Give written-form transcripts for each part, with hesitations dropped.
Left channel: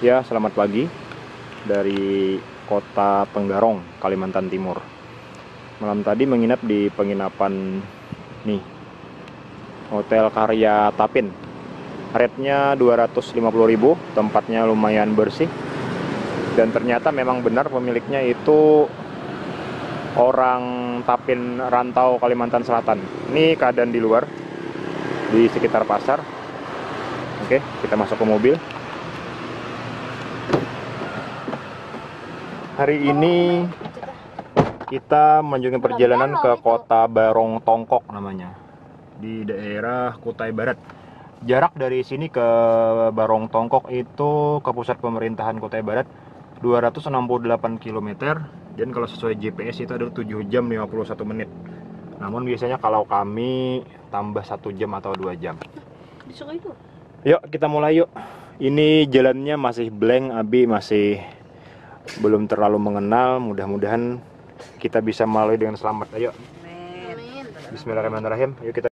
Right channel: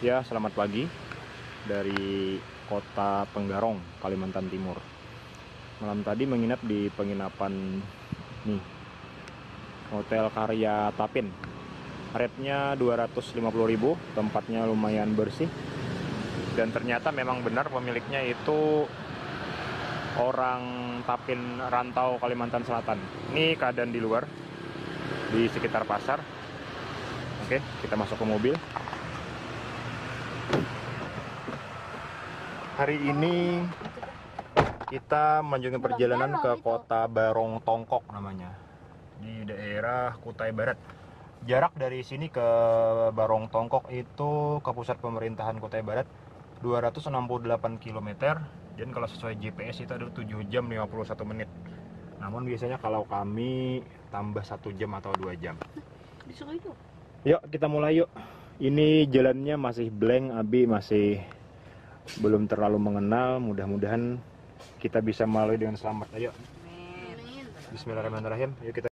Ya, selamat pagi dari Kota Tenggarong, Kalimantan Timur. Malam tadi menginap di penginapan nih, Hotel Karya Tapin. Rate-nya 250.000, tempatnya lumayan bersih. Dan ternyata memang benar pemiliknya itu orang Tapin rantau Kalimantan Selatan. Ini keadaan di luar, di sekitar pasar. Oke, kita masuk ke mobil. Hari ini kita melanjutkan perjalanan ke Kota Barong Tongkok namanya, di daerah Kutai Barat. Jarak dari sini ke Barong Tongkok itu ke pusat pemerintahan Kutai Barat 268 km, dan kalau sesuai GPS itu adalah 7 jam 51 menit. Namun biasanya kalau kami tambah 1 jam atau 2 jam. Yuk kita mulai yuk. Ini jalannya masih blank, Abi masih belum terlalu mengenal. Mudah-mudahan kita bisa melalui dengan selamat. Ayo. Bismillahirrahmanirrahim. Yuk kita.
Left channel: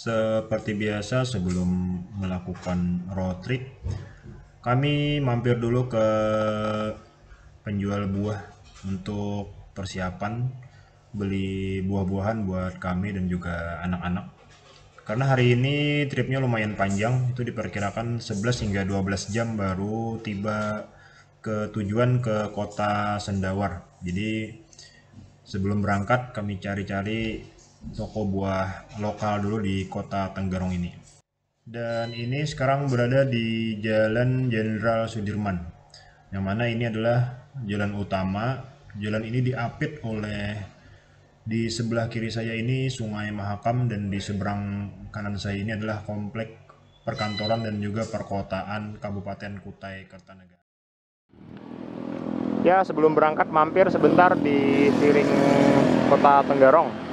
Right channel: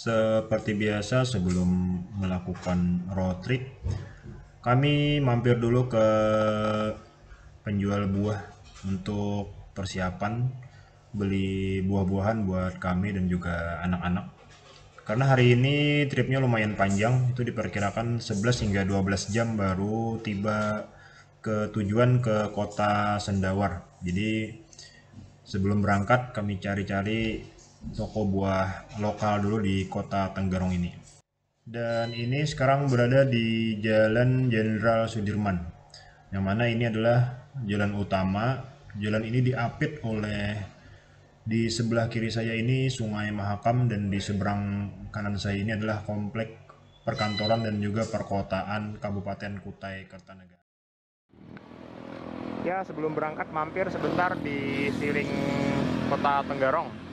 Seperti biasa, sebelum melakukan road trip, kami mampir dulu ke penjual buah untuk persiapan beli buah-buahan buat kami dan juga anak-anak. Karena hari ini tripnya lumayan panjang, itu diperkirakan 11 hingga 12 jam baru tiba ke tujuan ke kota Sendawar. Jadi sebelum berangkat kami cari-cari toko buah lokal dulu di Kota Tenggarong ini. Dan ini sekarang berada di Jalan Jenderal Sudirman, yang mana ini adalah jalan utama. Jalan ini diapit oleh, di sebelah kiri saya ini Sungai Mahakam, dan di seberang kanan saya ini adalah komplek perkantoran dan juga perkotaan Kabupaten Kutai Kartanegara. Ya, sebelum berangkat mampir sebentar di Siring Kota Tenggarong.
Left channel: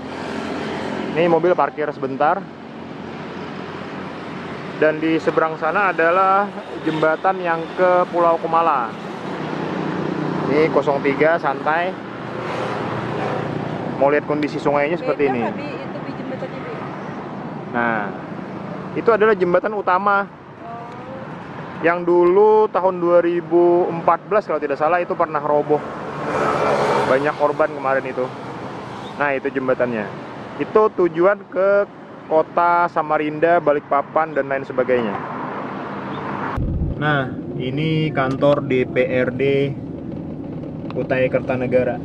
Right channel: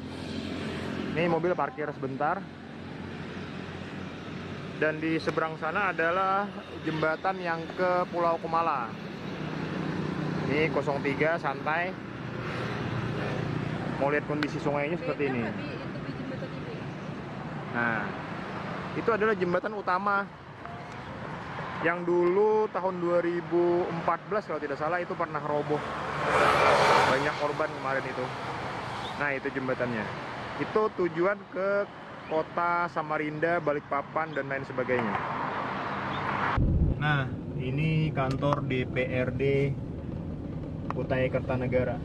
Ini mobil parkir sebentar. Dan di seberang sana adalah jembatan yang ke Pulau Kumala. Ini 03 santai. Mau lihat kondisi sungainya seperti ini. Nah, itu adalah jembatan utama yang dulu tahun 2014 kalau tidak salah itu pernah roboh. Banyak korban kemarin itu. Nah, itu jembatannya. Itu tujuan ke kota Samarinda, Balikpapan, dan lain sebagainya. Nah, ini kantor DPRD Kutai Kartanegara.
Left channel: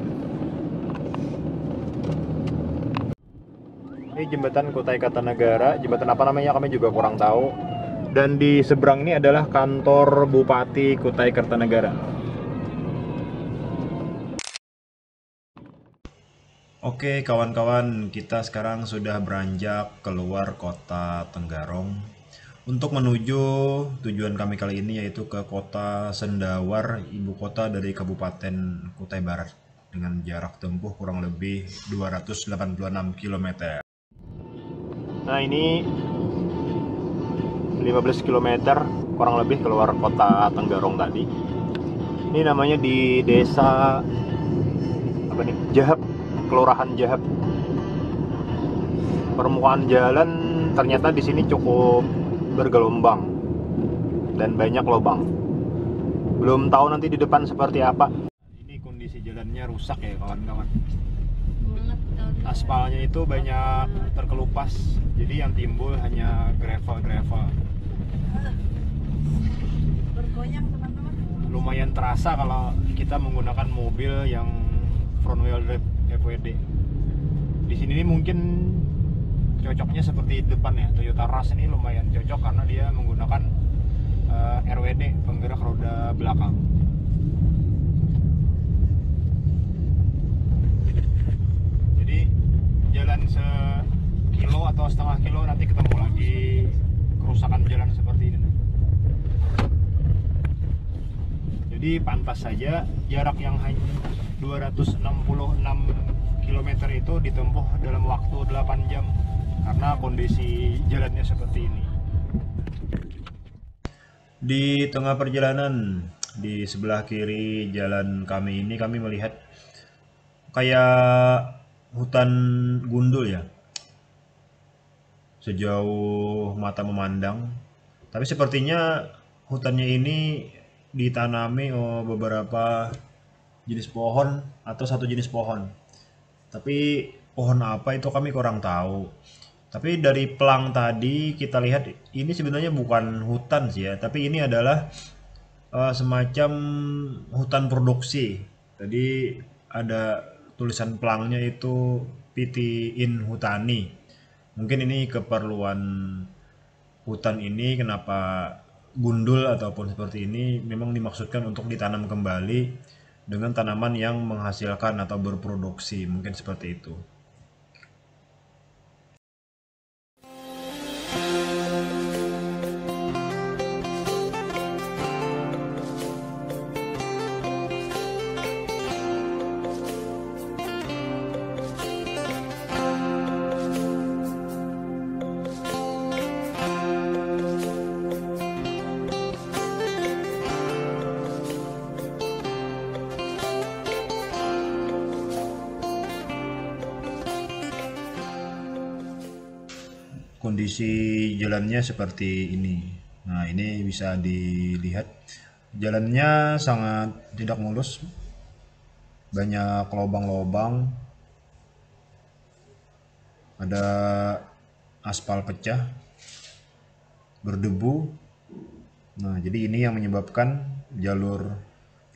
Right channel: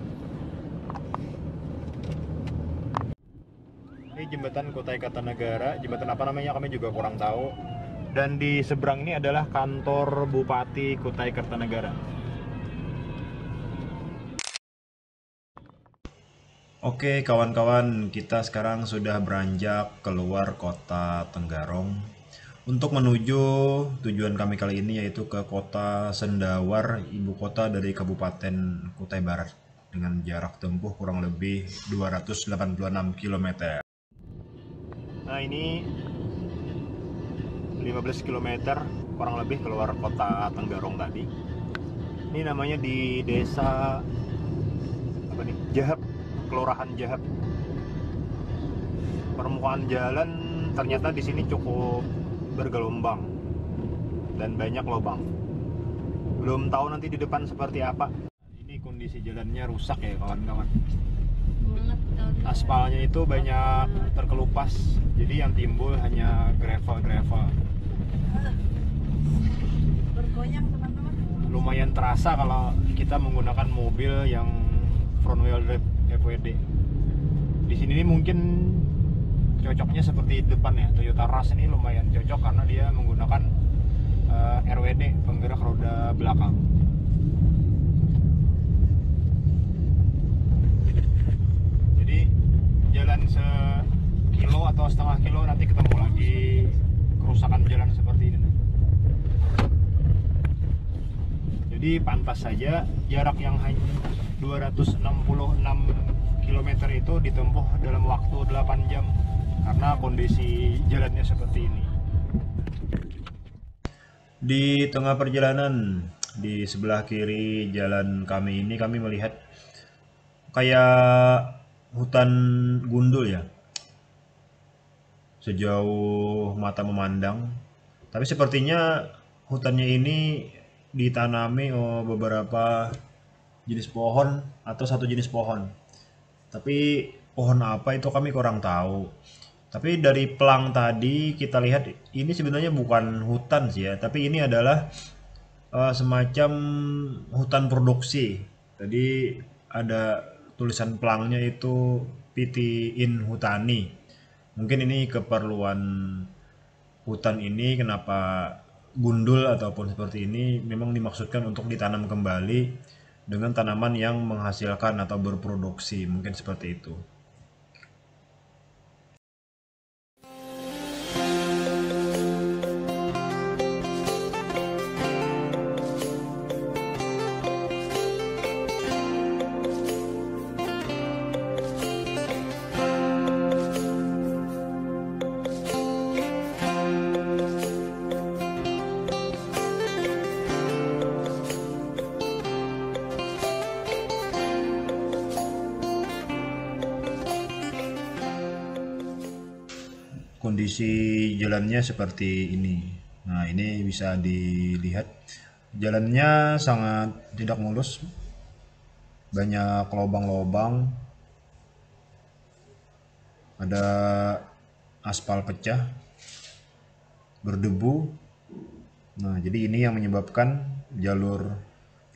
Ini jembatan Kutai Kartanegara, jembatan apa namanya kami juga kurang tahu. Dan di seberang ini adalah kantor Bupati Kutai Kartanegara. Oke kawan-kawan, kita sekarang sudah beranjak keluar Kota Tenggarong untuk menuju tujuan kami kali ini, yaitu ke Kota Sendawar, ibu kota dari Kabupaten Kutai Barat, dengan jarak tempuh kurang lebih 286 km. Nah, ini 15 km kurang lebih keluar Kota Tenggarong tadi. Ini namanya di desa apa nih? Jahap, Kelurahan Jahap. Permukaan jalan ternyata di sini cukup bergelombang dan banyak lubang. Belum tahu nanti di depan seperti apa. Ini kondisi jalannya rusak ya kawan-kawan. Aspalnya itu banyak terkelupas, jadi yang timbul hanya gravel. Bergoyang teman-teman. Lumayan terasa kalau kita menggunakan mobil yang front wheel drive FWD. Di sini nih mungkin cocoknya seperti depan ya, Toyota Rush ini lumayan cocok karena dia menggunakan RWD, penggerak roda belakang. Jadi jalan sekilo atau setengah kilo nanti ketemu lagi kerusakan jalan seperti ini. Jadi pantas saja jarak yang hanya 266 km itu ditempuh dalam waktu 8 jam karena kondisi jalannya seperti ini. Di tengah perjalanan, di sebelah kiri jalan kami ini kami melihat kayak hutan gundul ya, sejauh mata memandang. Tapi sepertinya hutannya ini ditanami beberapa jenis pohon atau satu jenis pohon. Tapi pohon apa itu kami kurang tahu. Tapi dari pelang tadi kita lihat ini sebenarnya bukan hutan sih ya, tapi ini adalah semacam hutan produksi. Tadi ada tulisan pelangnya itu PT In Hutani. Mungkin ini keperluan hutan ini kenapa gundul ataupun seperti ini memang dimaksudkan untuk ditanam kembali dengan tanaman yang menghasilkan atau berproduksi, mungkin seperti itu. Kondisi jalannya seperti ini. Nah, ini bisa dilihat jalannya sangat tidak mulus, banyak lubang-lubang, ada aspal pecah, berdebu. Nah, jadi ini yang menyebabkan jalur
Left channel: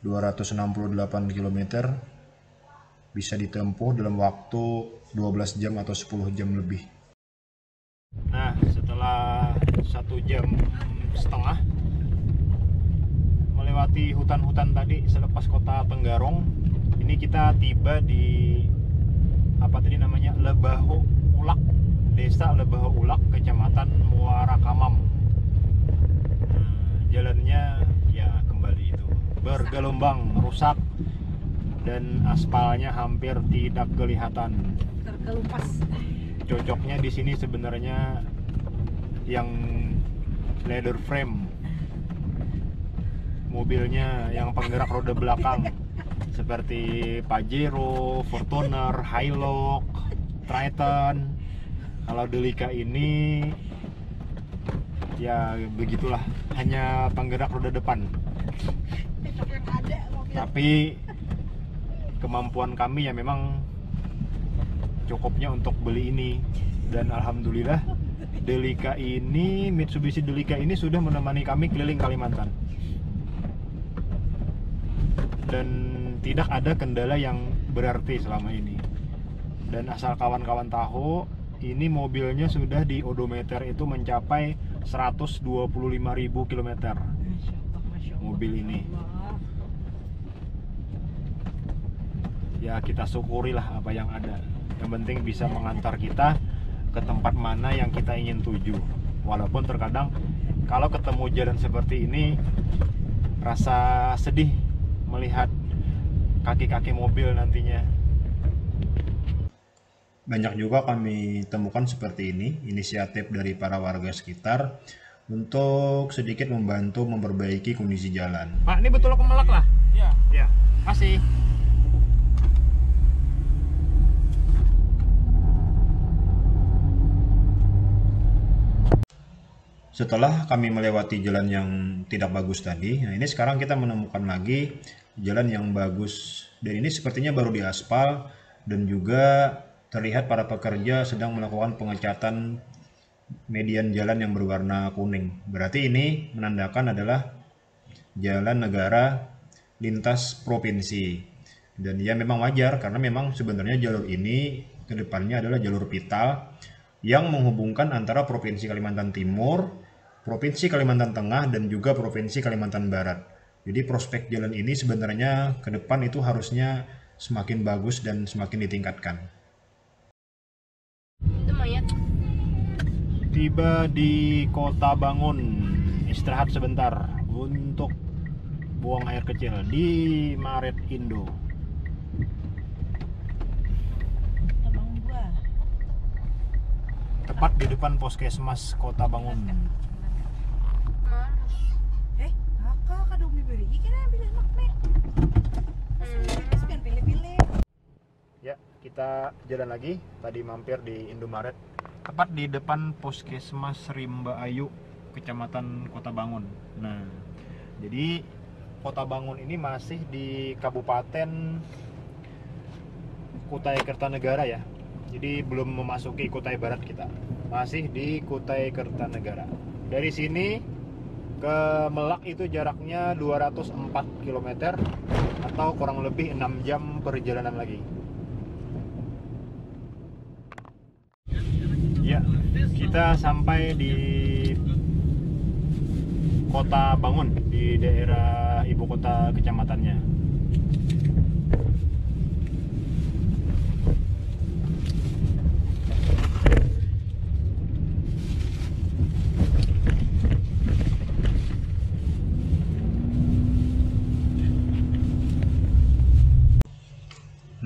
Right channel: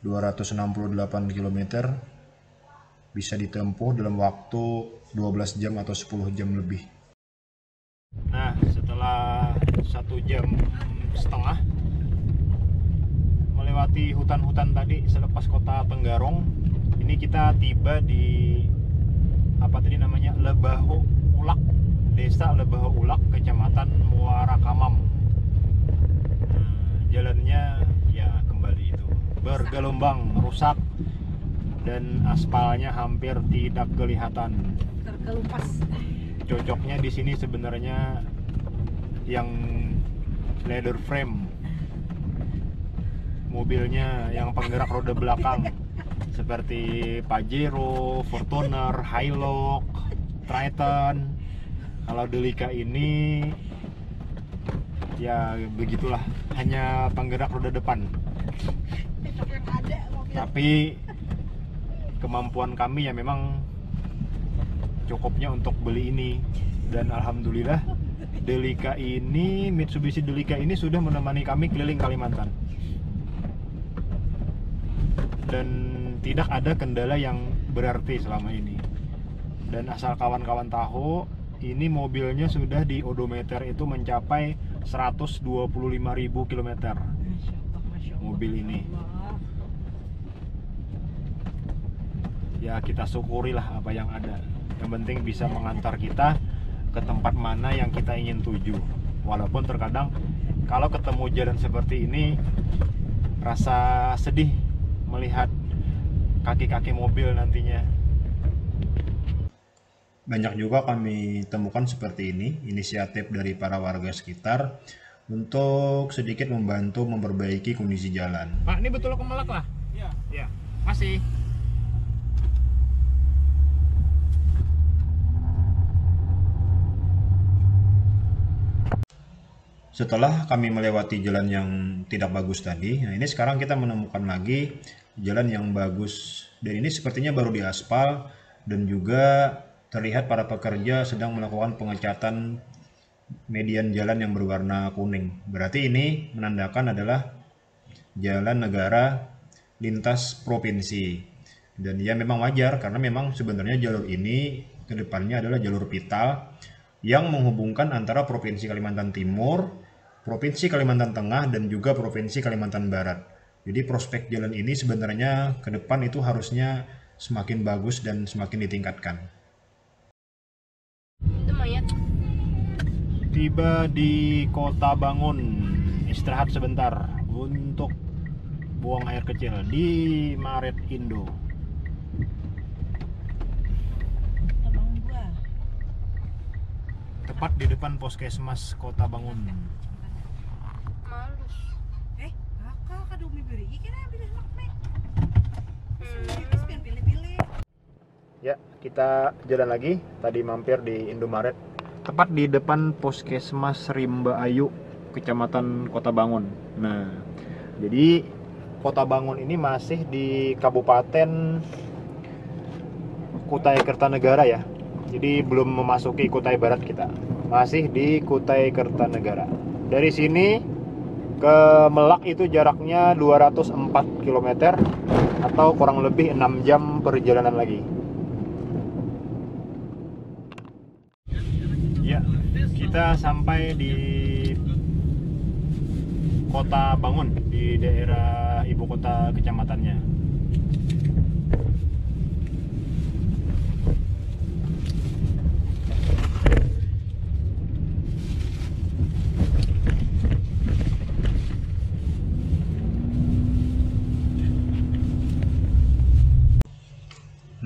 268 km bisa ditempuh dalam waktu 12 jam atau 10 jam lebih. Nah, setelah 1,5 jam melewati hutan-hutan tadi selepas kota Tenggarong, ini kita tiba di apa tadi namanya, Lebaho Ulak, Desa Lebaho Ulak, Kecamatan Muara Kamam. Jalannya ya kembali itu bergelombang, rusak, dan aspalnya hampir tidak kelihatan. Terkelupas. Cocoknya di sini sebenarnya yang leather frame, mobilnya yang penggerak roda belakang seperti Pajero, Fortuner, Hilux, Triton. Kalau Delica ini ya begitulah, hanya penggerak roda depan. Tapi kemampuan kami ya memang cukupnya untuk beli ini, dan alhamdulillah Delica ini, Mitsubishi Delica ini sudah menemani kami keliling Kalimantan dan tidak ada kendala yang berarti selama ini. Dan asal kawan-kawan tahu, ini mobilnya sudah di odometer itu mencapai 125.000 km mobil ini. Ya kita syukurilah apa yang ada. Yang penting bisa mengantar kita ke tempat mana yang kita ingin tuju. Walaupun terkadang kalau ketemu jalan seperti ini rasa sedih melihat kaki-kaki mobil nantinya. Banyak juga kami temukan seperti ini, inisiatif dari para warga sekitar untuk sedikit membantu memperbaiki kondisi jalan. Pak, ini betul Kemelak lah? Iya. Ya, masih. Setelah kami melewati jalan yang tidak bagus tadi, nah ini sekarang kita menemukan lagi jalan yang bagus. Dan ini sepertinya baru diaspal dan juga terlihat para pekerja sedang melakukan pengecatan median jalan yang berwarna kuning. Berarti ini menandakan adalah jalan negara lintas provinsi. Dan ya memang wajar karena memang sebenarnya jalur ini ke depannya adalah jalur vital yang menghubungkan antara Provinsi Kalimantan Timur, Provinsi Kalimantan Tengah, dan juga Provinsi Kalimantan Barat. Jadi prospek jalan ini sebenarnya ke depan itu harusnya semakin bagus dan semakin ditingkatkan. Tiba di Kota Bangun, istirahat sebentar untuk buang air kecil di Maret Indo. Abang gua. Tepat di depan Puskesmas Kota Bangun. Malus. Kakak kada umi beri ikan yang pilih makne. Masih pilih-pilih. Ya, kita jalan lagi. Tadi mampir di Indomaret. Tepat di depan Puskesmas Rimba Ayu, Kecamatan Kota Bangun. Nah, jadi Kota Bangun ini masih di Kabupaten Kutai Kertanegara ya. Jadi belum memasuki Kutai Barat kita. Masih di Kutai Kertanegara. Dari sini ke Melak itu jaraknya 204 km atau kurang lebih 6 jam perjalanan lagi. Ya, kita sampai di Kota Bangun, di daerah ibu kota kecamatannya.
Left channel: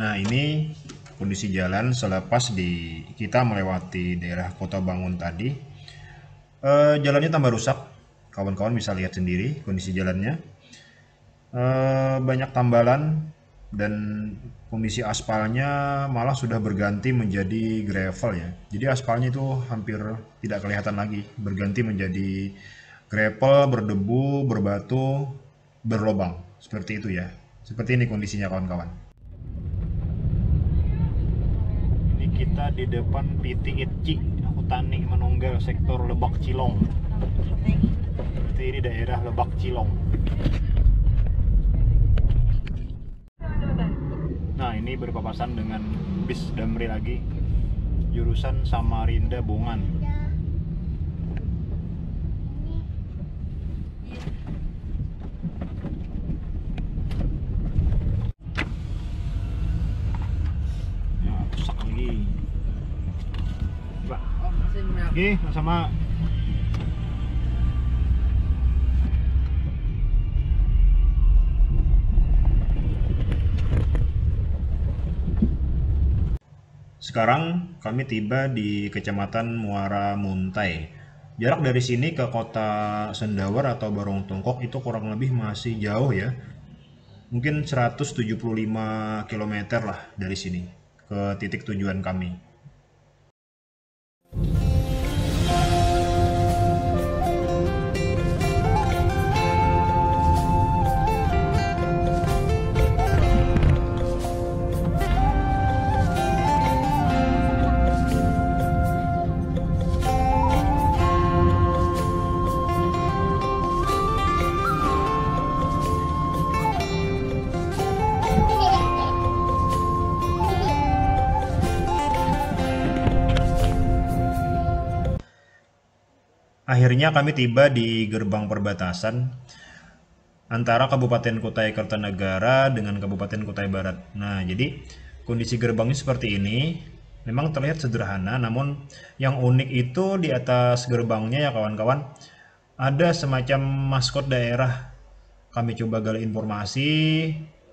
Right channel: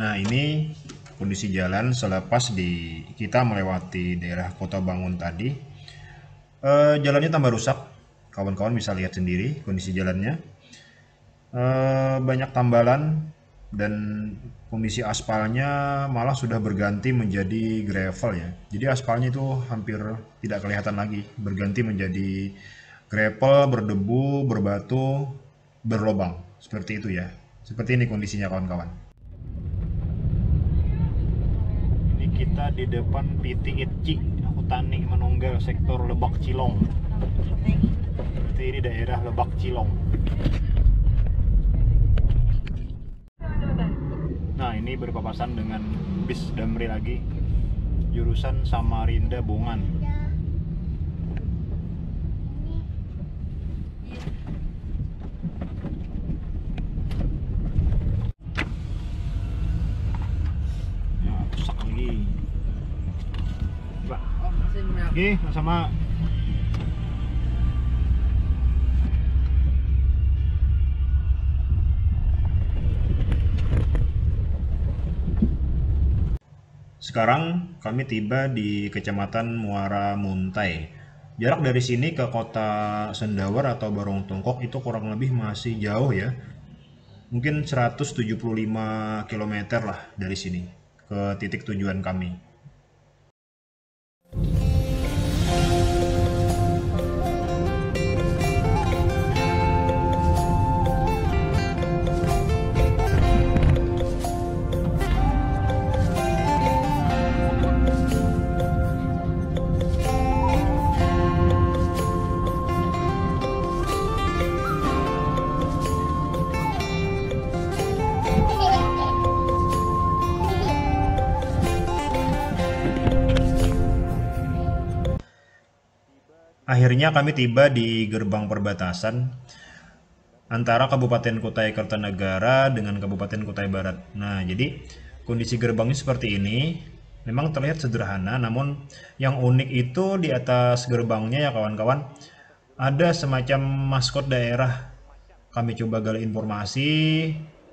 Nah, ini kondisi jalan selepas kita melewati daerah Kota Bangun tadi. Jalannya tambah rusak, kawan-kawan bisa lihat sendiri kondisi jalannya. Banyak tambalan dan kondisi aspalnya malah sudah berganti menjadi gravel ya. Jadi aspalnya itu hampir tidak kelihatan lagi, berganti menjadi gravel, berdebu, berbatu, berlobang. Seperti itu ya. Seperti ini kondisinya kawan-kawan. Kita di depan PT Itci Hutani Manunggal sektor Lebak Cilong. Berarti ini daerah Lebak Cilong. Nah, ini berpapasan dengan bis Damri lagi, jurusan Samarinda Bongan. Oke, sama. Sekarang kami tiba di Kecamatan Muara Muntai. Jarak dari sini ke kota Sendawar atau Barong Tungkok itu kurang lebih masih jauh ya. Mungkin 175 km lah dari sini ke titik tujuan kami. Akhirnya kami tiba di gerbang perbatasan antara Kabupaten Kutai Kartanegara dengan Kabupaten Kutai Barat. Nah, jadi kondisi gerbangnya seperti ini. Memang terlihat sederhana, namun yang unik itu di atas gerbangnya ya kawan-kawan, ada semacam maskot daerah. Kami coba gali informasi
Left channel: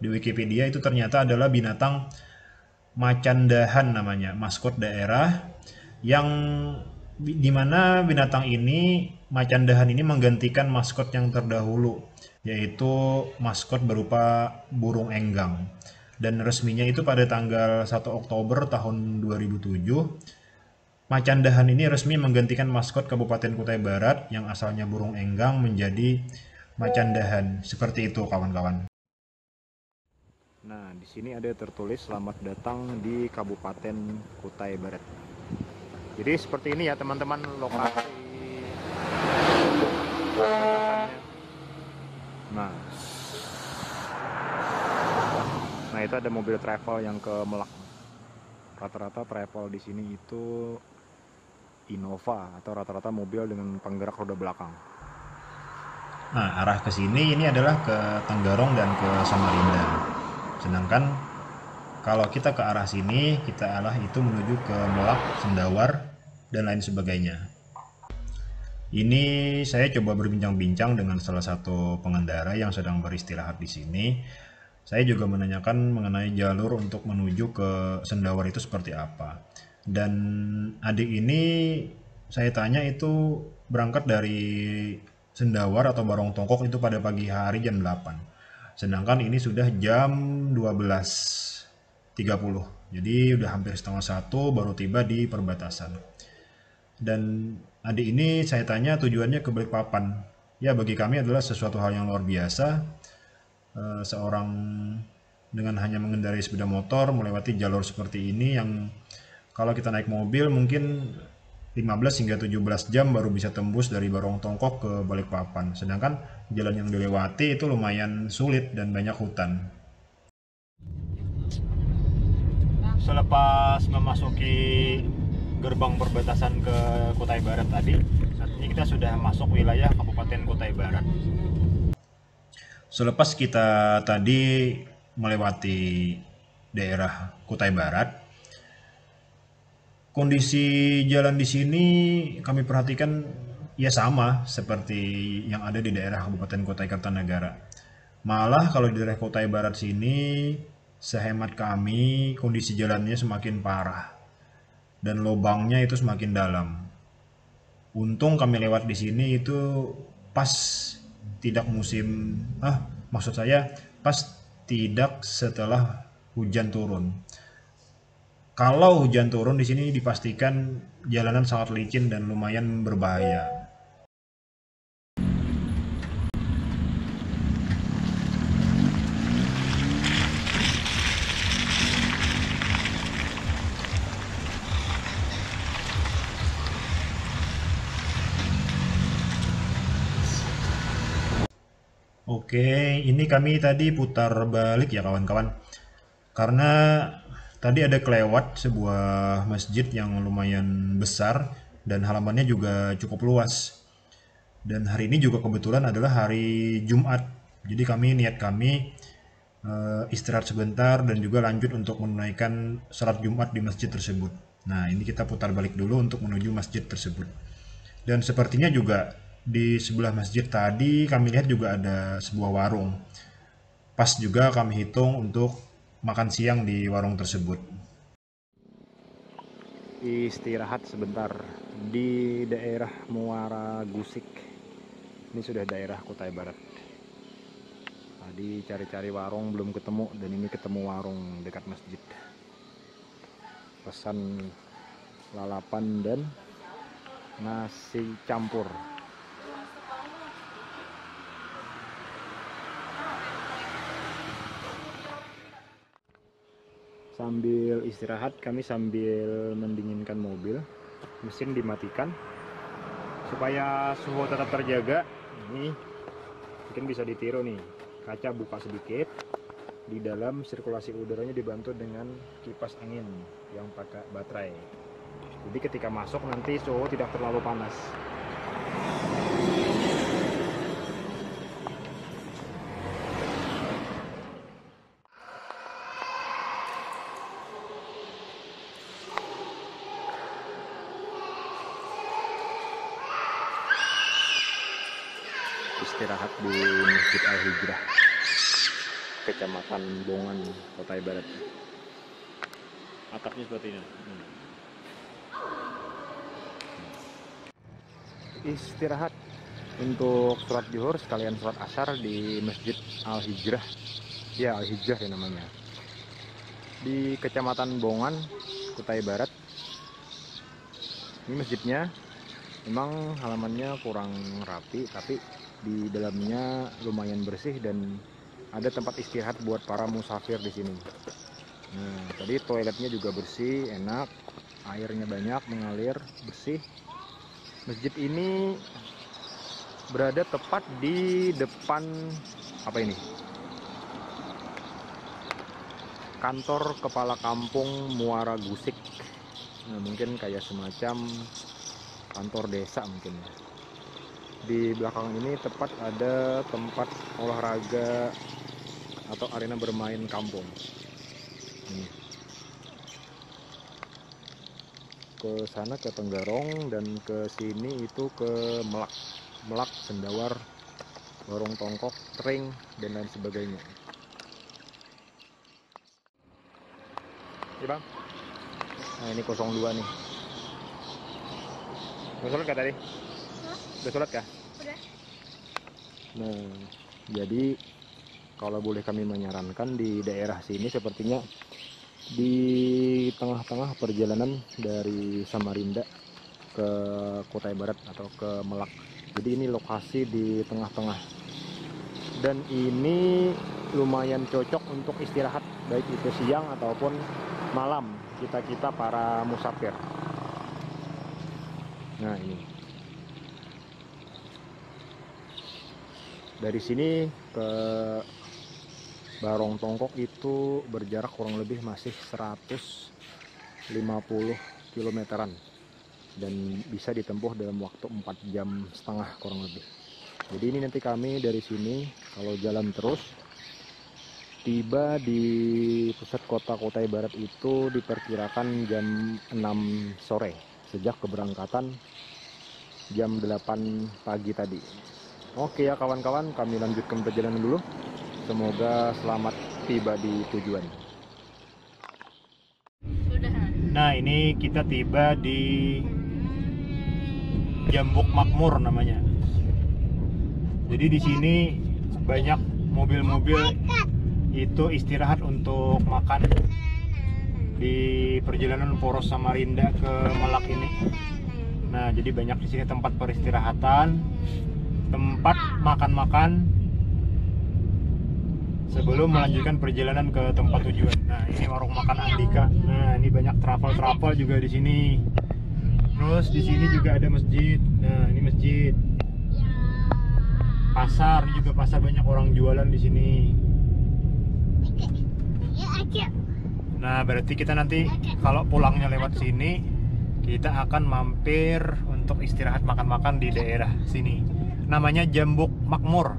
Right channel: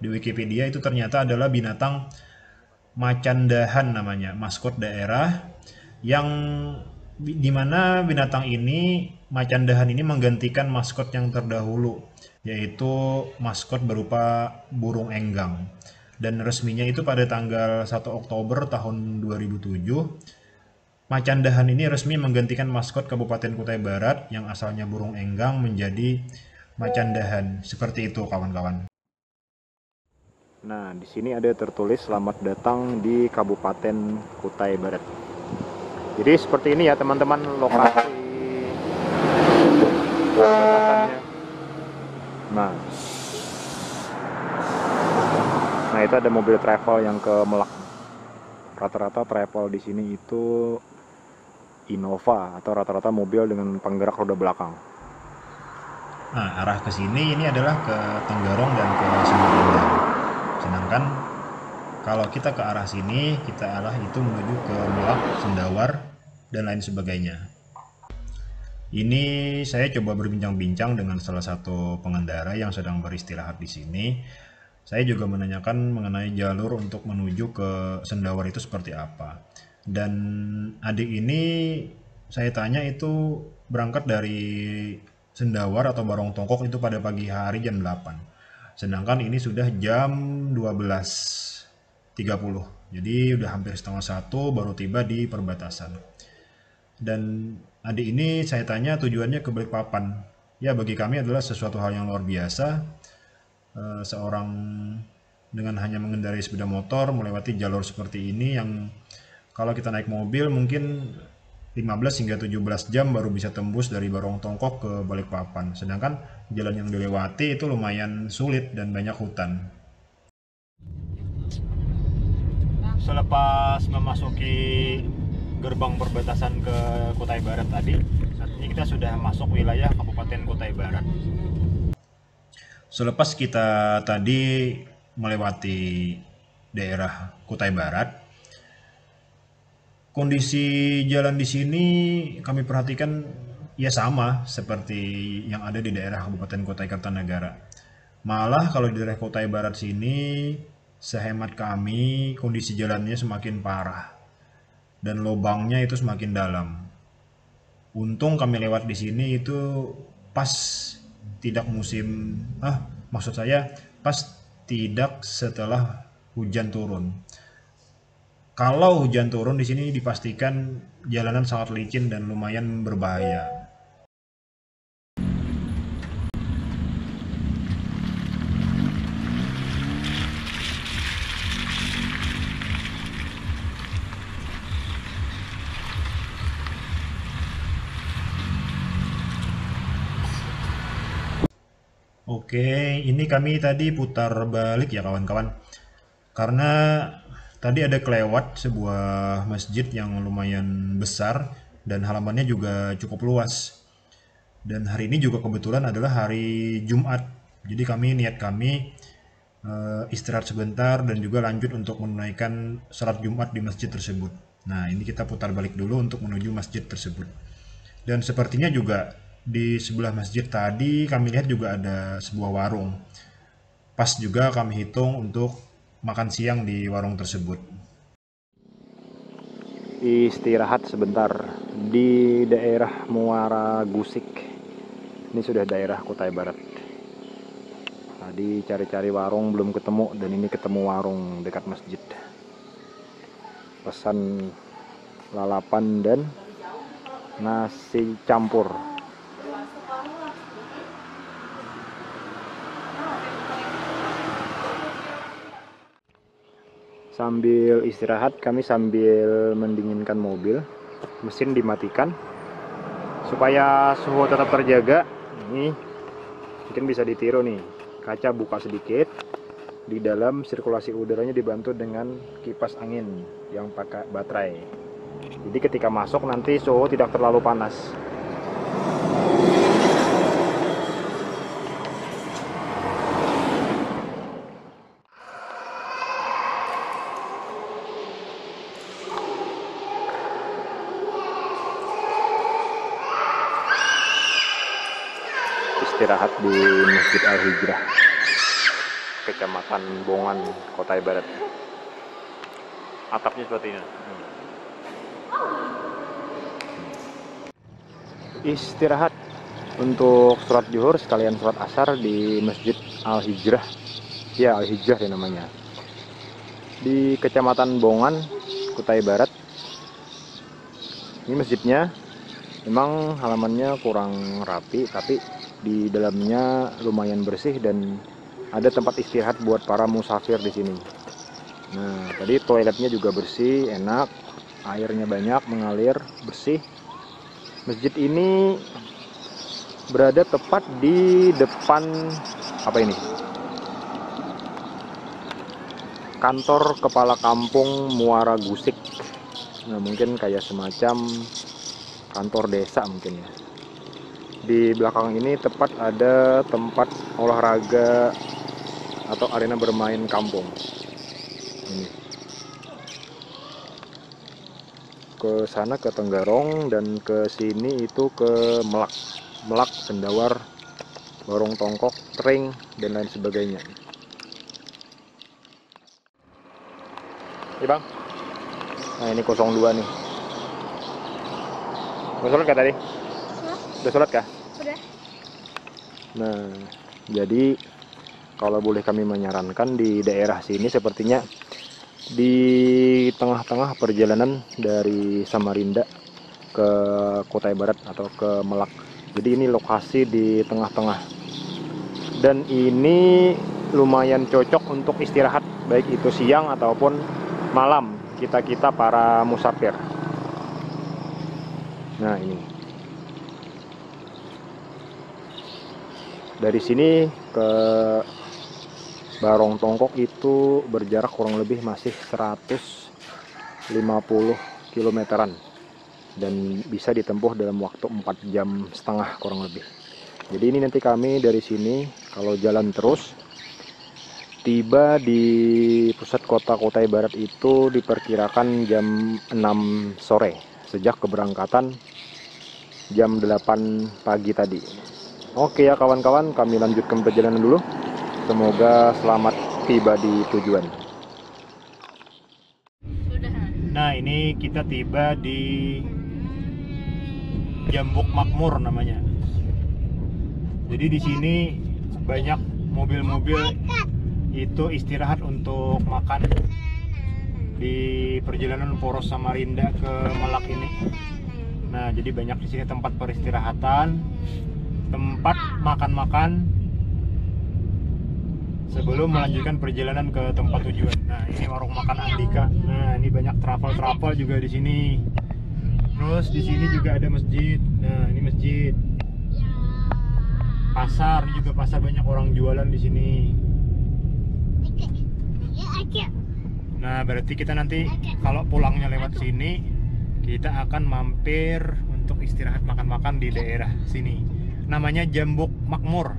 di Wikipedia, itu ternyata adalah binatang macan dahan namanya, maskot daerah yang dimana binatang ini, macan dahan ini menggantikan maskot yang terdahulu, yaitu maskot berupa burung enggang. Dan resminya itu pada tanggal 1 Oktober tahun 2007, macan dahan ini resmi menggantikan maskot Kabupaten Kutai Barat yang asalnya burung enggang menjadi macan dahan. Seperti itu kawan-kawan. Nah, di sini ada tertulis selamat datang di Kabupaten Kutai Barat. Jadi seperti ini ya teman-teman lokasi perbatasannya. Nah itu ada mobil travel yang ke Melak. Rata-rata travel di sini itu Innova atau rata-rata mobil dengan penggerak roda belakang. Nah arah ke sini ini adalah ke Tenggarong dan ke Samarinda. Sedangkan kalau kita ke arah sini, kita arah itu menuju ke Melak, Sendawar, dan lain sebagainya. Ini saya coba berbincang-bincang dengan salah satu pengendara yang sedang beristirahat di sini. Saya juga menanyakan mengenai jalur untuk menuju ke Sendawar itu seperti apa. Dan adik ini saya tanya itu berangkat dari Sendawar atau Barong Tongkok itu pada pagi hari jam 8. Sedangkan ini sudah jam 12.30. Jadi udah hampir setengah satu baru tiba di perbatasan. Dan adik ini saya tanya tujuannya ke Balikpapan. Ya bagi kami adalah sesuatu hal yang luar biasa. Seorang dengan hanya mengendarai sepeda motor melewati jalur seperti ini yang kalau kita naik mobil mungkin 15 hingga 17 jam baru bisa tembus dari Barong Tongkok ke Balikpapan. Sedangkan jalan yang dilewati itu lumayan sulit dan banyak hutan. Selepas memasuki gerbang perbatasan ke Kutai Barat tadi, saat ini kita sudah masuk wilayah Kabupaten Kutai Barat. Selepas kita tadi melewati daerah Kutai Barat, kondisi jalan di sini kami perhatikan ya sama seperti yang ada di daerah Kabupaten Kutai Kartanegara. Malah kalau di daerah Kutai Barat sini, sehemat kami kondisi jalannya semakin parah dan lubangnya itu semakin dalam. Untung kami lewat di sini itu pas tidak musim, maksud saya pas tidak setelah hujan turun. Kalau hujan turun di sini dipastikan jalanan sangat licin dan lumayan berbahaya. Oke, ini kami tadi putar balik ya kawan-kawan. Karena tadi ada kelewat sebuah masjid yang lumayan besar dan halamannya juga cukup luas. Dan hari ini juga kebetulan adalah hari Jumat. Jadi kami istirahat sebentar dan juga lanjut untuk menunaikan salat Jumat di masjid tersebut. Nah, ini kita putar balik dulu untuk menuju masjid tersebut. Dan sepertinya juga di sebelah masjid tadi kami lihat juga ada sebuah warung. Pas juga kami hitung untuk makan siang di warung tersebut. Istirahat sebentar di daerah Muara Gusik. Ini sudah daerah Kutai Barat. Tadi cari-cari warung belum ketemu dan ini ketemu warung dekat masjid. Pesan lalapan dan nasi campur. Sambil istirahat kami sambil mendinginkan mobil, mesin dimatikan supaya suhu tetap terjaga. Ini mungkin bisa ditiru nih, kaca buka sedikit, di dalam sirkulasi udaranya dibantu dengan kipas angin yang pakai baterai. Jadi ketika masuk nanti suhu tidak terlalu panas. Istirahat di Masjid Al-Hijrah, Kecamatan Bongan, Kutai Barat. Atapnya seperti ini. Istirahat untuk sholat zuhur sekalian sholat asar di Masjid Al-Hijrah. Ya, Al-Hijrah ya namanya. Di Kecamatan Bongan, Kutai Barat. Ini masjidnya memang halamannya kurang rapi, tapi di dalamnya lumayan bersih dan ada tempat istirahat buat para musafir di sini. Nah, tadi toiletnya juga bersih, enak, airnya banyak mengalir, bersih. Masjid ini berada tepat di depan apa ini? Kantor Kepala Kampung Muara Gusik. Nah, mungkin kayak semacam kantor desa mungkin ya. Di belakang ini tepat ada tempat olahraga atau arena bermain kampung. Ini. ke sana ke Tenggarong, dan ke sini itu ke Melak. Melak, Sendawar, Barong Tongkok, Tring, dan lain sebagainya. Iya bang. Nah ini 02 nih. Udah sholat kah tadi? Hah? Udah sholat kah? Udah. Nah, jadi kalau boleh kami menyarankan di daerah sini sepertinya di tengah-tengah perjalanan dari Samarinda ke Kutai Barat atau ke Melak. Jadi ini lokasi di tengah-tengah. Dan ini lumayan cocok untuk istirahat, baik itu siang ataupun malam kita para musafir. Nah ini dari sini ke Barong Tongkok itu berjarak kurang lebih masih 150 kilometeran dan bisa ditempuh dalam waktu 4,5 jam kurang lebih. Jadi ini nanti kami dari sini kalau jalan terus tiba di pusat kota Kutai Barat itu diperkirakan jam 6 sore sejak keberangkatan jam 8 pagi tadi. Oke ya kawan-kawan, kami lanjutkan perjalanan dulu. Semoga selamat tiba di tujuan. Sudah. Nah ini kita tiba di Jambuk Makmur namanya. Jadi di sini banyak mobil-mobil itu istirahat untuk makan di perjalanan poros Samarinda ke Melak ini. Nah jadi banyak di sini tempat peristirahatan, tempat makan-makan sebelum melanjutkan perjalanan ke tempat tujuan. Nah ini warung makan Andika. Nah ini banyak travel juga di sini. Terus di sini juga ada masjid. Nah ini masjid. Pasar, ini juga pasar, banyak orang jualan di sini. Nah berarti kita nanti kalau pulangnya lewat sini, kita akan mampir untuk istirahat makan-makan di daerah sini. Namanya Jambuk Makmur.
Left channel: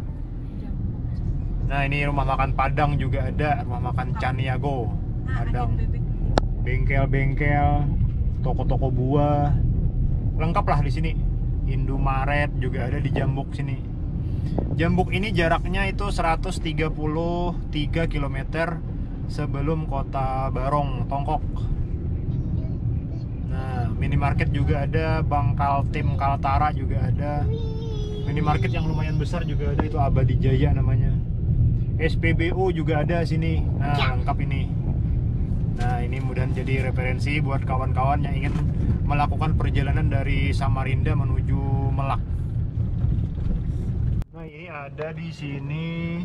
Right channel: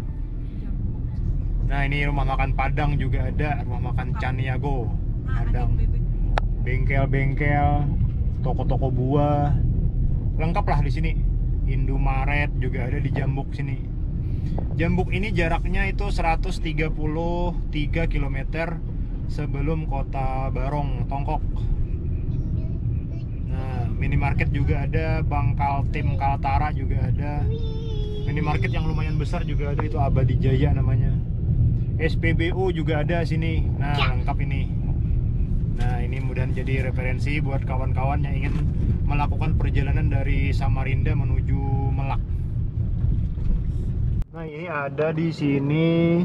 Nah ini rumah makan Padang juga ada, rumah makan Caniago Padang, bengkel-bengkel, toko-toko buah, lengkap lah di sini. Indomaret juga ada di Jambuk sini. Jambuk ini jaraknya itu 133 km sebelum kota Barong Tongkok. Nah minimarket juga ada, Bangkal Tim Kaltara juga ada, minimarket yang lumayan besar juga ada, itu Abadi Jaya namanya. SPBU juga ada sini. Nah lengkap ini. Nah ini mudah jadi referensi buat kawan-kawan yang ingin melakukan perjalanan dari Samarinda menuju Melak. Nah ini ada di sini,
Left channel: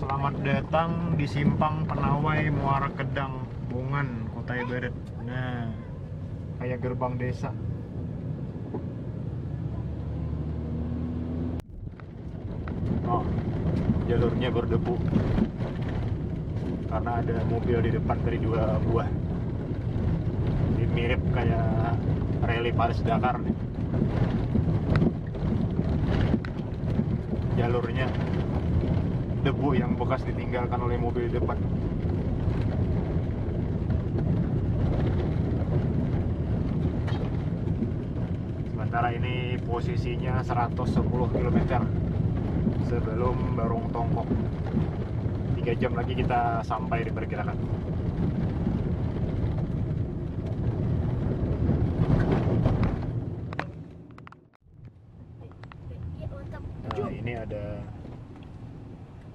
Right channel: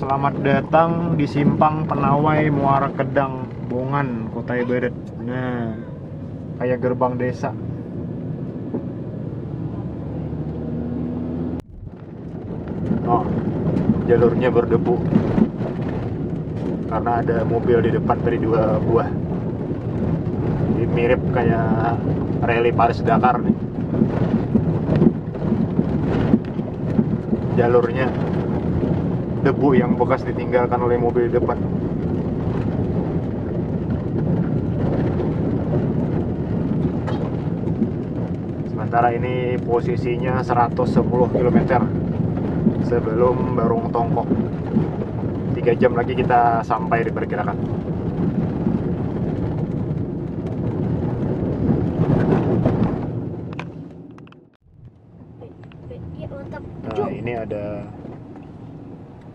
selamat datang di Simpang Penawai Muara Kedang, Bongan, Kutai Barat. Nah kayak gerbang desa. Oh, jalurnya berdebu karena ada mobil di depan dari 2 buah. Ini mirip kayak rally Paris Dakar nih. Jalurnya debu yang bekas ditinggalkan oleh mobil di depan. Sementara ini posisinya 110 km sebelum Barong Tongkok. 3 jam lagi kita sampai diperkirakan. Nah ini ada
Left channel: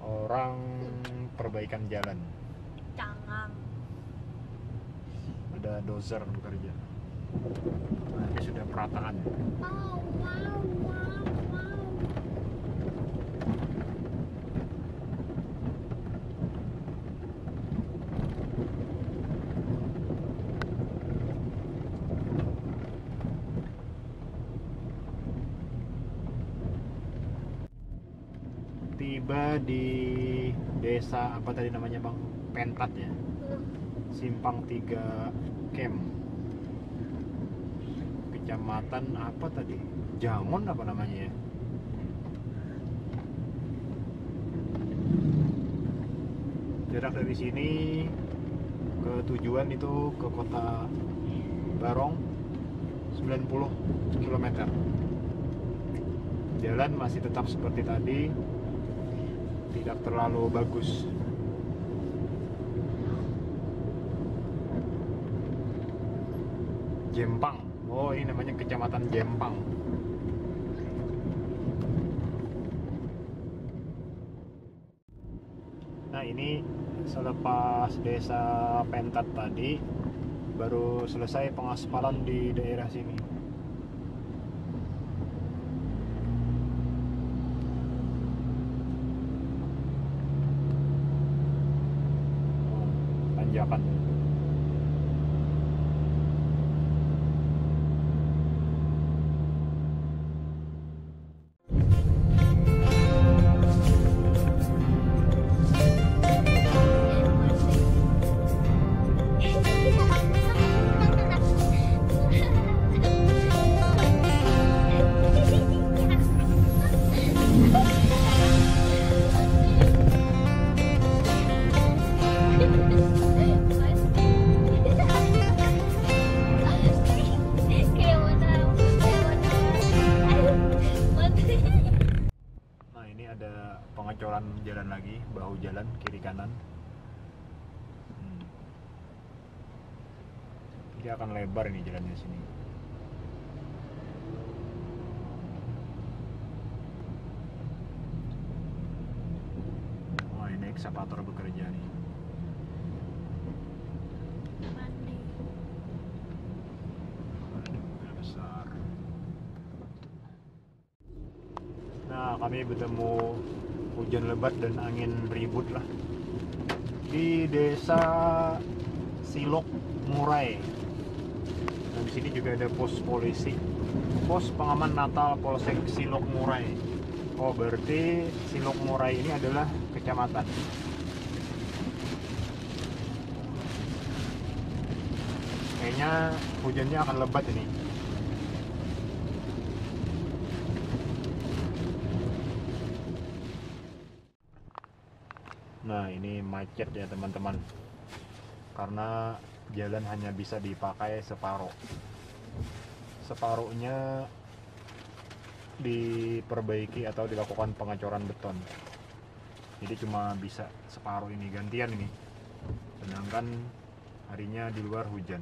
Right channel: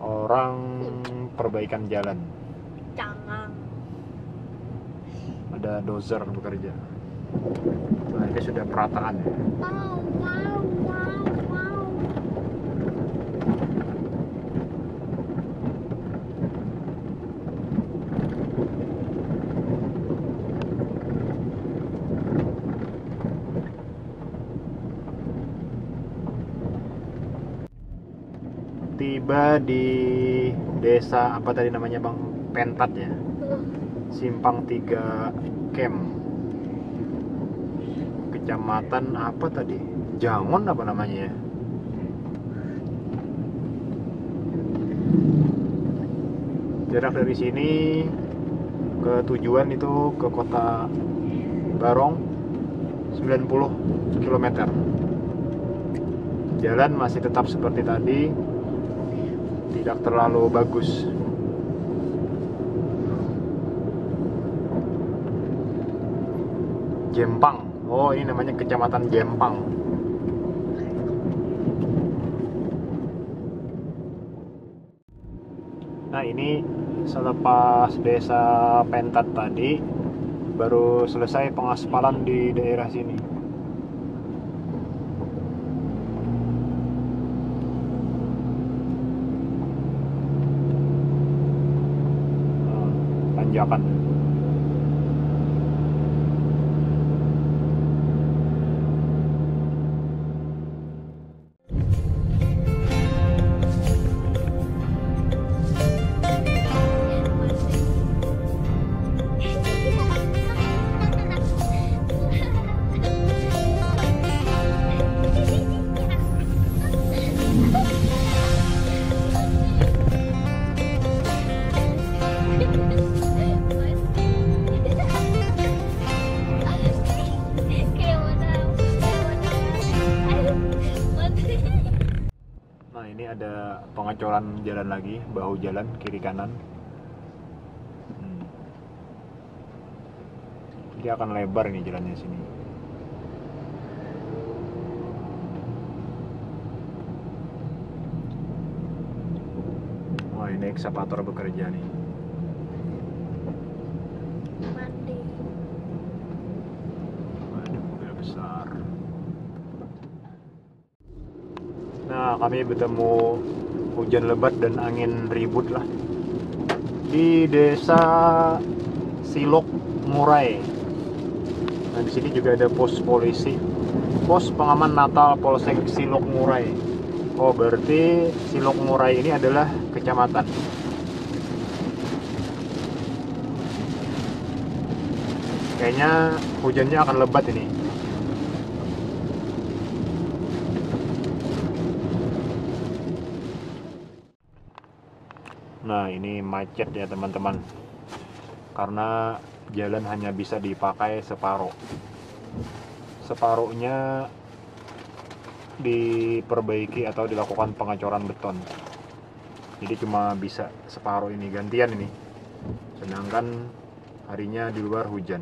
orang perbaikan jalan. Jangan. Ada dozer bekerja. Nah ini sudah perataan ya. Tiba di desa apa tadi namanya bang? Pentat ya. Simpang 3 Camp. Kecamatan apa tadi? Jangon apa namanya ya? Jarak dari sini ke tujuan itu ke kota Barong 90 km. Jalan masih tetap seperti tadi, tidak terlalu bagus. Jempang, oh ini namanya kecamatan Jempang. Nah ini selepas desa Pentat tadi, baru selesai pengaspalan di daerah sini. Tanjakan. Ada pengecoran jalan lagi, bahu jalan kiri kanan. Dia akan lebar nih jalannya sini. Wah, ini ekskavator bekerja nih. Mandi. Ada mobil besar. Nah, kami bertemu hujan lebat dan angin ribut lah di desa Silok Murai. Nah, di sini juga ada pos polisi, pos pengaman Natal Polsek Silok Murai. Oh, berarti Silok Murai ini adalah kecamatan. Kayaknya hujannya akan lebat ini. Nah, ini macet ya teman-teman, karena jalan hanya bisa dipakai separuh. Separuhnya diperbaiki atau dilakukan pengecoran beton. Jadi cuma bisa separuh ini, gantian ini. Sedangkan harinya di luar hujan.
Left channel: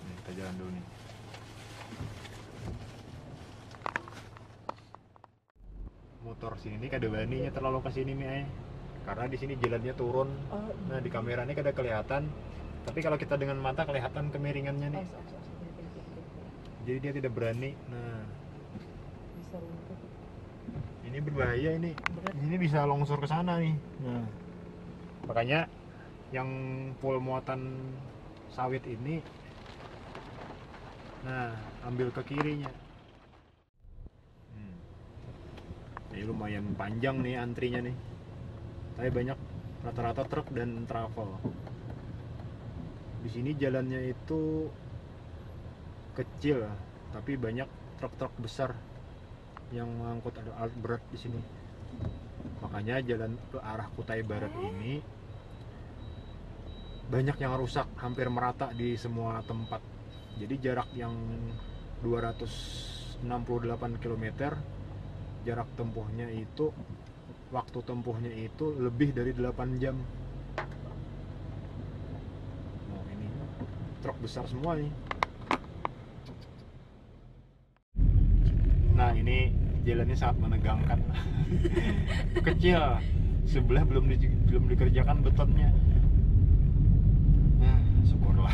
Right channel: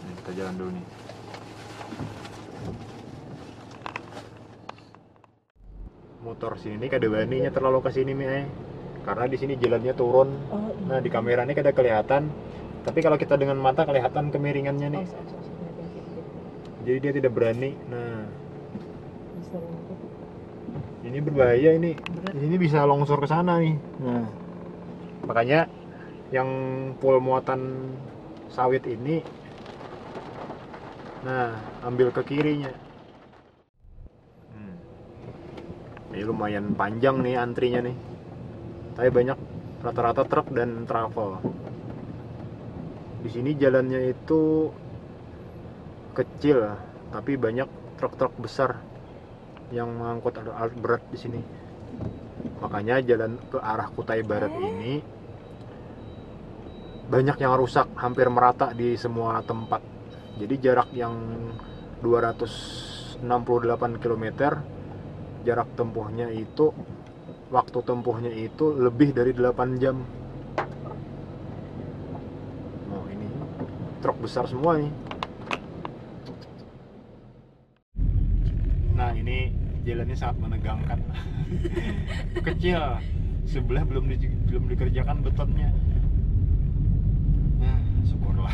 Nah, kita jalan dulu nih. Motor sini kada baninya terlalu ke sini karena di sini jalannya turun. Nah, di kamera ini kada kelihatan, tapi kalau kita dengan mata kelihatan kemiringannya nih. Jadi dia tidak berani. Nah, ini berbahaya ini. Ini bisa longsor ke sana nih. Nah, makanya yang full muatan sawit ini, nah, ambil ke kirinya. Ini lumayan panjang nih antrinya nih. Tapi banyak rata-rata truk dan travel. Di sini jalannya itu kecil, tapi banyak truk-truk besar yang mengangkut alat berat di sini. Makanya jalan ke arah Kutai Barat ini banyak yang rusak, hampir merata di semua tempat. Jadi jarak yang 268 km, jarak tempuhnya itu, waktu tempuhnya itu lebih dari 8 jam. Oh, ini truk besar semua nih. Nah, ini jalannya sangat menegangkan. Kecil, sebelah belum dikerjakan betonnya. Nah, syukurlah.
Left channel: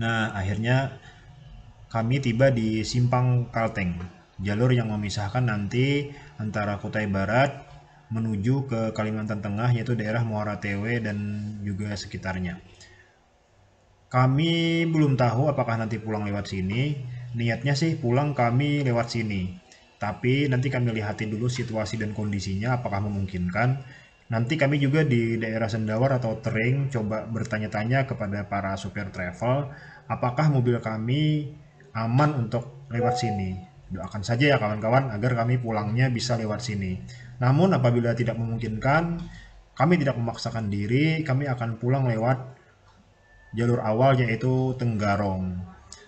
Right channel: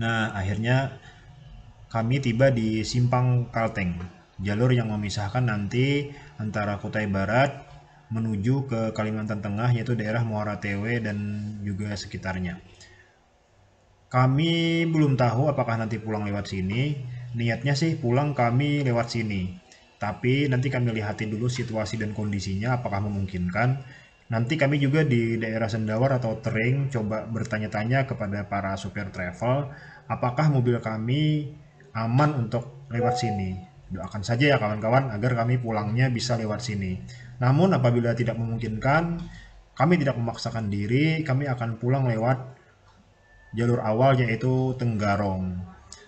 Nah, akhirnya kami tiba di Simpang Kalteng, jalur yang memisahkan nanti antara Kutai Barat menuju ke Kalimantan Tengah, yaitu daerah Muara Tewe dan juga sekitarnya. Kami belum tahu apakah nanti pulang lewat sini. Niatnya sih pulang kami lewat sini, tapi nanti kami lihatin dulu situasi dan kondisinya apakah memungkinkan. Nanti kami juga di daerah Sendawar atau Tering coba bertanya-tanya kepada para supir travel apakah mobil kami aman untuk lewat sini. Doakan saja ya kawan-kawan agar kami pulangnya bisa lewat sini. Namun apabila tidak memungkinkan, kami tidak memaksakan diri, kami akan pulang lewat jalur awal yaitu Tenggarong.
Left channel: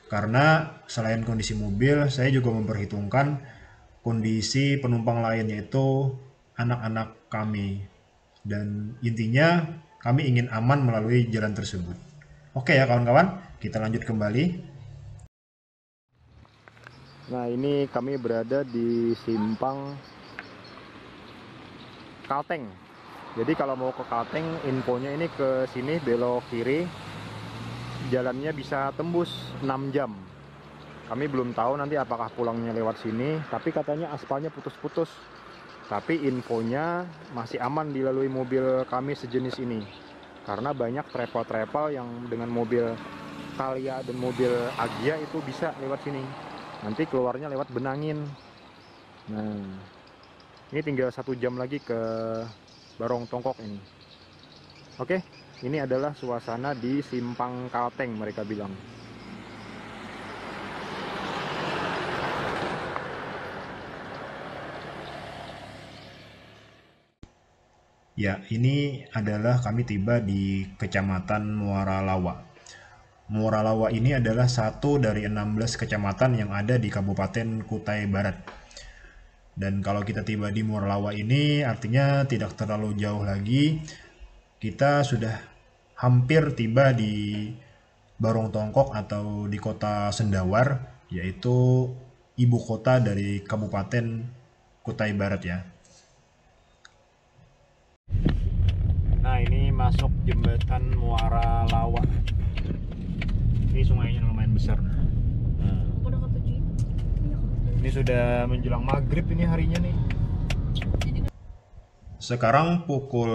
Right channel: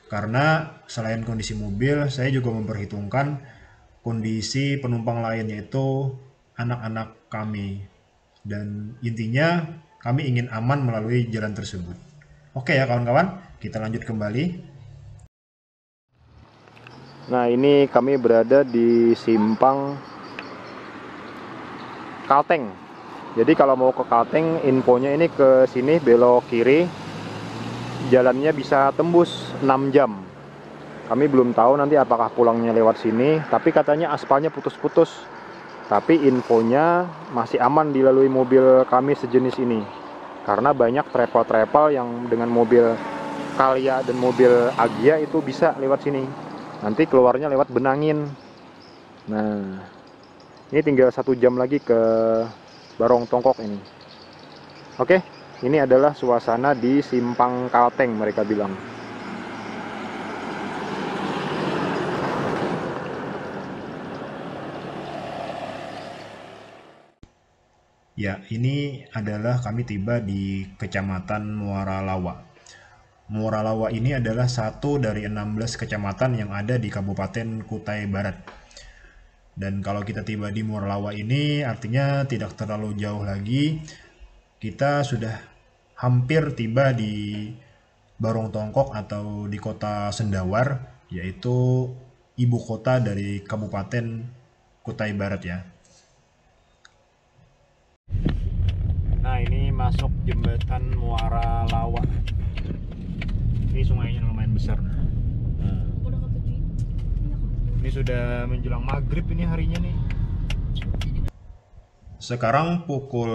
Karena selain kondisi mobil, saya juga memperhitungkan kondisi penumpang lain yaitu anak-anak kami. Dan intinya kami ingin aman melalui jalan tersebut. Oke ya kawan-kawan, kita lanjut kembali. Nah, ini kami berada di simpang Kalteng. Jadi kalau mau ke Kalteng, infonya ini ke sini belok kiri. Jalannya bisa tembus 6 jam. Kami belum tahu nanti apakah pulangnya lewat sini, tapi katanya aspalnya putus-putus. Tapi infonya masih aman dilalui mobil kami sejenis ini. Karena banyak travel-travel yang dengan mobil Calya dan mobil Agya itu bisa lewat sini. Nanti keluarnya lewat Benangin. Nah, ini tinggal 1 jam lagi ke Barong Tongkok ini. Oke, ini adalah suasana di simpang Kalteng mereka bilang. Ya, ini adalah kami tiba di Kecamatan Muara Lawa. Muara Lawa ini adalah satu dari 16 kecamatan yang ada di Kabupaten Kutai Barat. Dan kalau kita tiba di Muara Lawa ini artinya tidak terlalu jauh lagi. Kita sudah hampir tiba di Barong Tongkok atau di kota Sendawar, yaitu ibu kota dari Kabupaten Kutai Barat ya. Nah, ini masuk jembatan Muara Lawa. Ini sungainya lumayan besar. Nah, ini sudah menjelang maghrib ini harinya nih. Sekarang pukul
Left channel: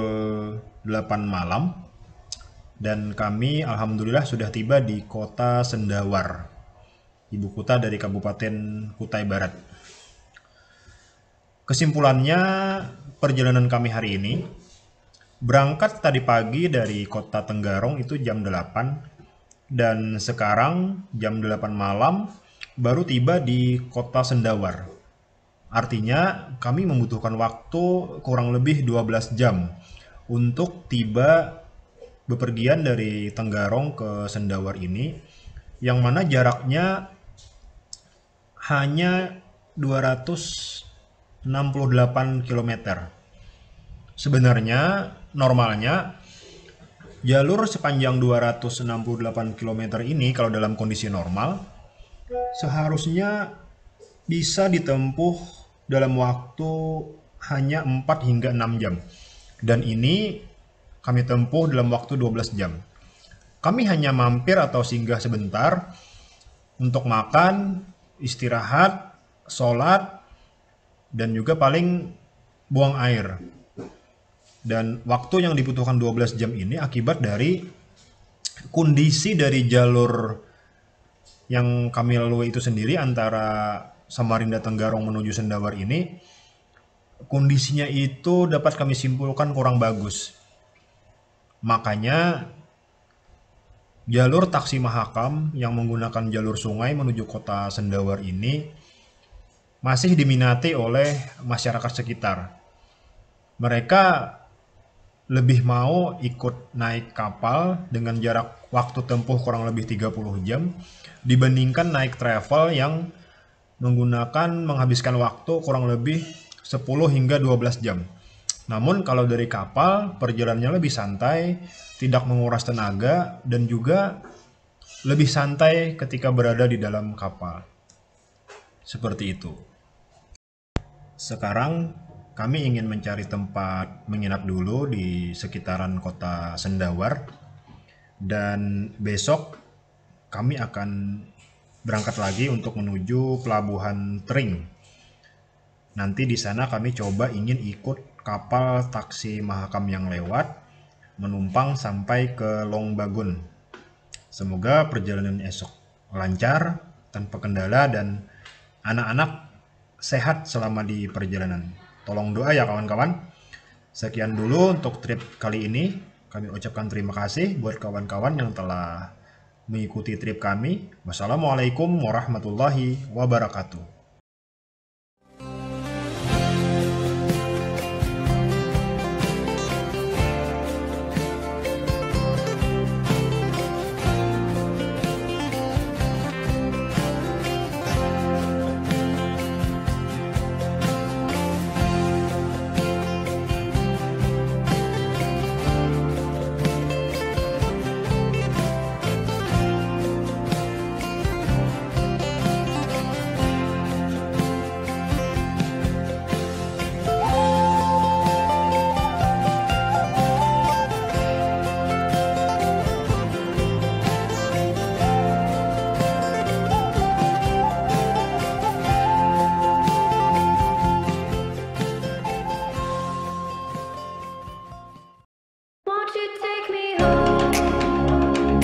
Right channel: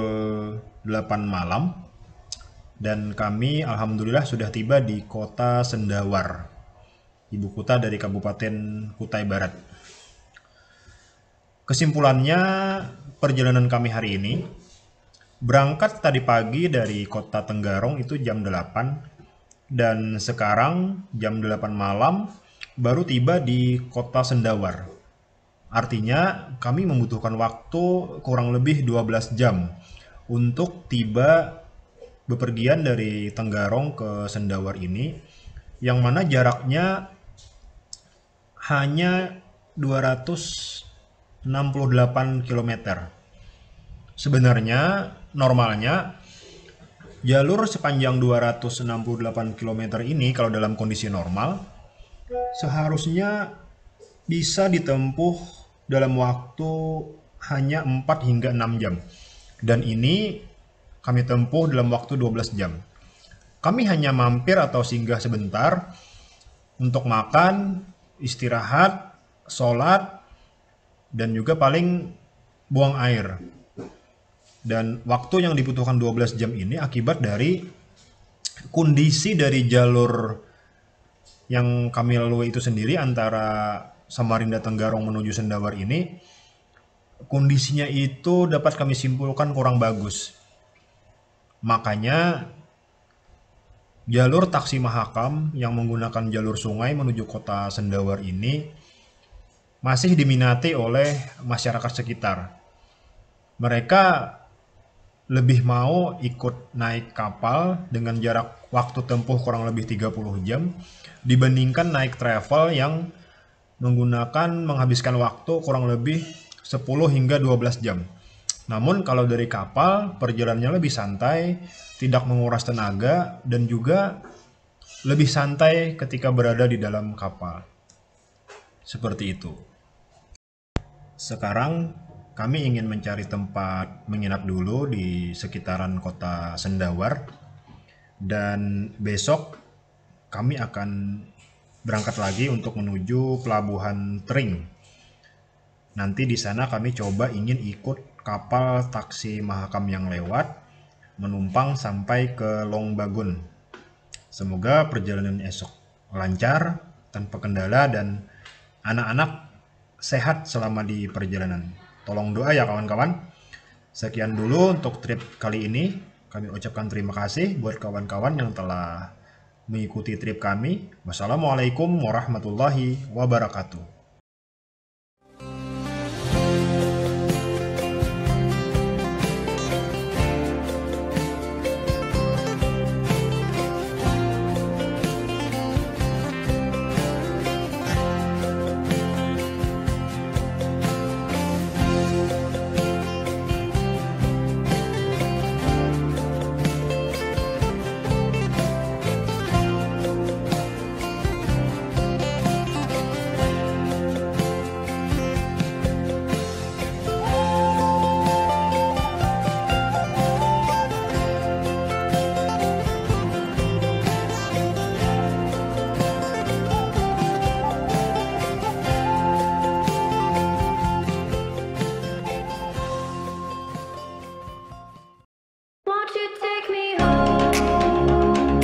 8 malam dan kami alhamdulillah sudah tiba di kota Sendawar, ibu kota dari Kabupaten Kutai Barat. Kesimpulannya, perjalanan kami hari ini berangkat tadi pagi dari kota Tenggarong itu jam 8 dan sekarang jam 8 malam baru tiba di kota Sendawar. Artinya kami membutuhkan waktu kurang lebih 12 jam untuk tiba bepergian dari Tenggarong ke Sendawar ini, yang mana jaraknya hanya 268 km. Sebenarnya normalnya jalur sepanjang 268 km ini kalau dalam kondisi normal seharusnya bisa ditempuh dalam waktu hanya 4 hingga 6 jam. Dan ini kami tempuh dalam waktu 12 jam. Kami hanya mampir atau singgah sebentar untuk makan, istirahat, sholat, dan juga paling buang air. Dan waktu yang dibutuhkan 12 jam ini akibat dari kondisi dari jalur yang kami lalui itu sendiri antara Samarinda Tenggarong menuju Sendawar ini, kondisinya itu dapat kami simpulkan kurang bagus. Makanya jalur taksi Mahakam yang menggunakan jalur sungai menuju kota Sendawar ini masih diminati oleh masyarakat sekitar. Mereka lebih mau ikut naik kapal dengan jarak waktu tempuh kurang lebih 30 jam dibandingkan naik travel yang menghabiskan waktu kurang lebih 10 hingga 12 jam. Namun kalau dari kapal perjalanannya lebih santai, tidak menguras tenaga, dan juga lebih santai ketika berada di dalam kapal. Seperti itu. Sekarang kami ingin mencari tempat menginap dulu di sekitaran kota Sendawar, dan besok kami akan berangkat lagi untuk menuju Pelabuhan Tering. Nanti di sana kami coba ingin ikut kapal taksi Mahakam yang lewat, menumpang sampai ke Longbagun. Semoga perjalanan esok lancar, tanpa kendala, dan anak-anak sehat selama di perjalanan. Tolong doa ya kawan-kawan. Sekian dulu untuk trip kali ini. Kami ucapkan terima kasih buat kawan-kawan yang telah mengikuti trip kami. Wassalamualaikum warahmatullahi wabarakatuh. you take me home?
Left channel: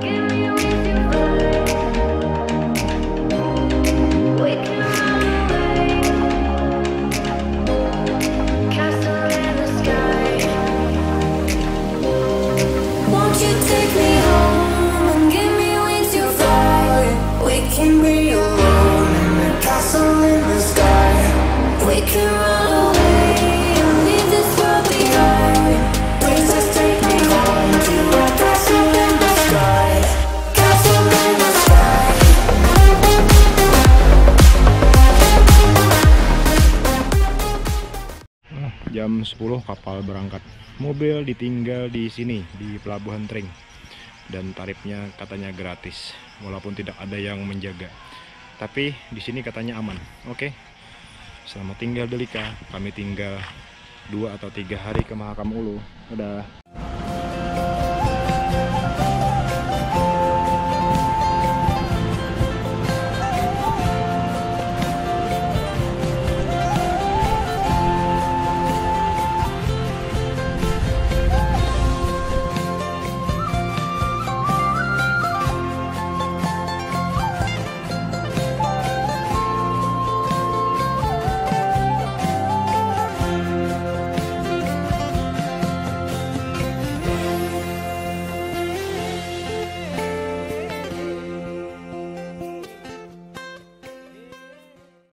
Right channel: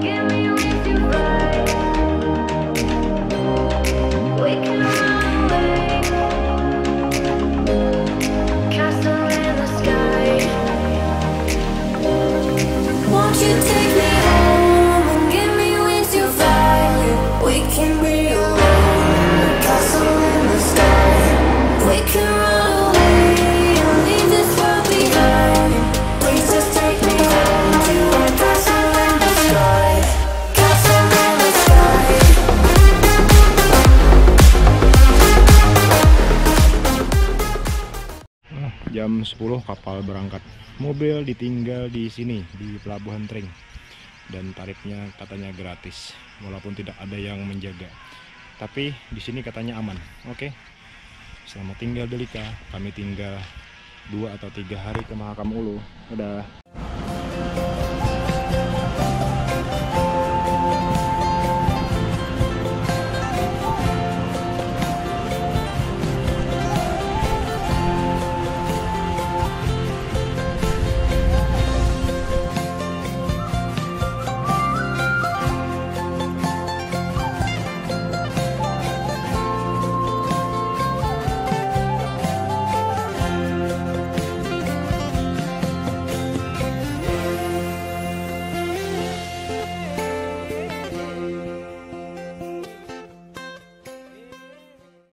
Give me wings to fly. We can run away. Castle in the sky. Won't you take me home and give me wings to fly? We can be alone in the castle in the sky. We can run away and leave this world behind. Please just take me home to a castle in the sky. Castle in the sky. Jam 10 kapal berangkat. Mobil ditinggal di sini di Pelabuhan Tring. Dan tarifnya katanya gratis, walaupun tidak ada yang menjaga. Tapi di sini katanya aman. Oke. Selamat tinggal Delika. Kami tinggal 2 atau 3 hari ke Mahakam Ulu. Dadah.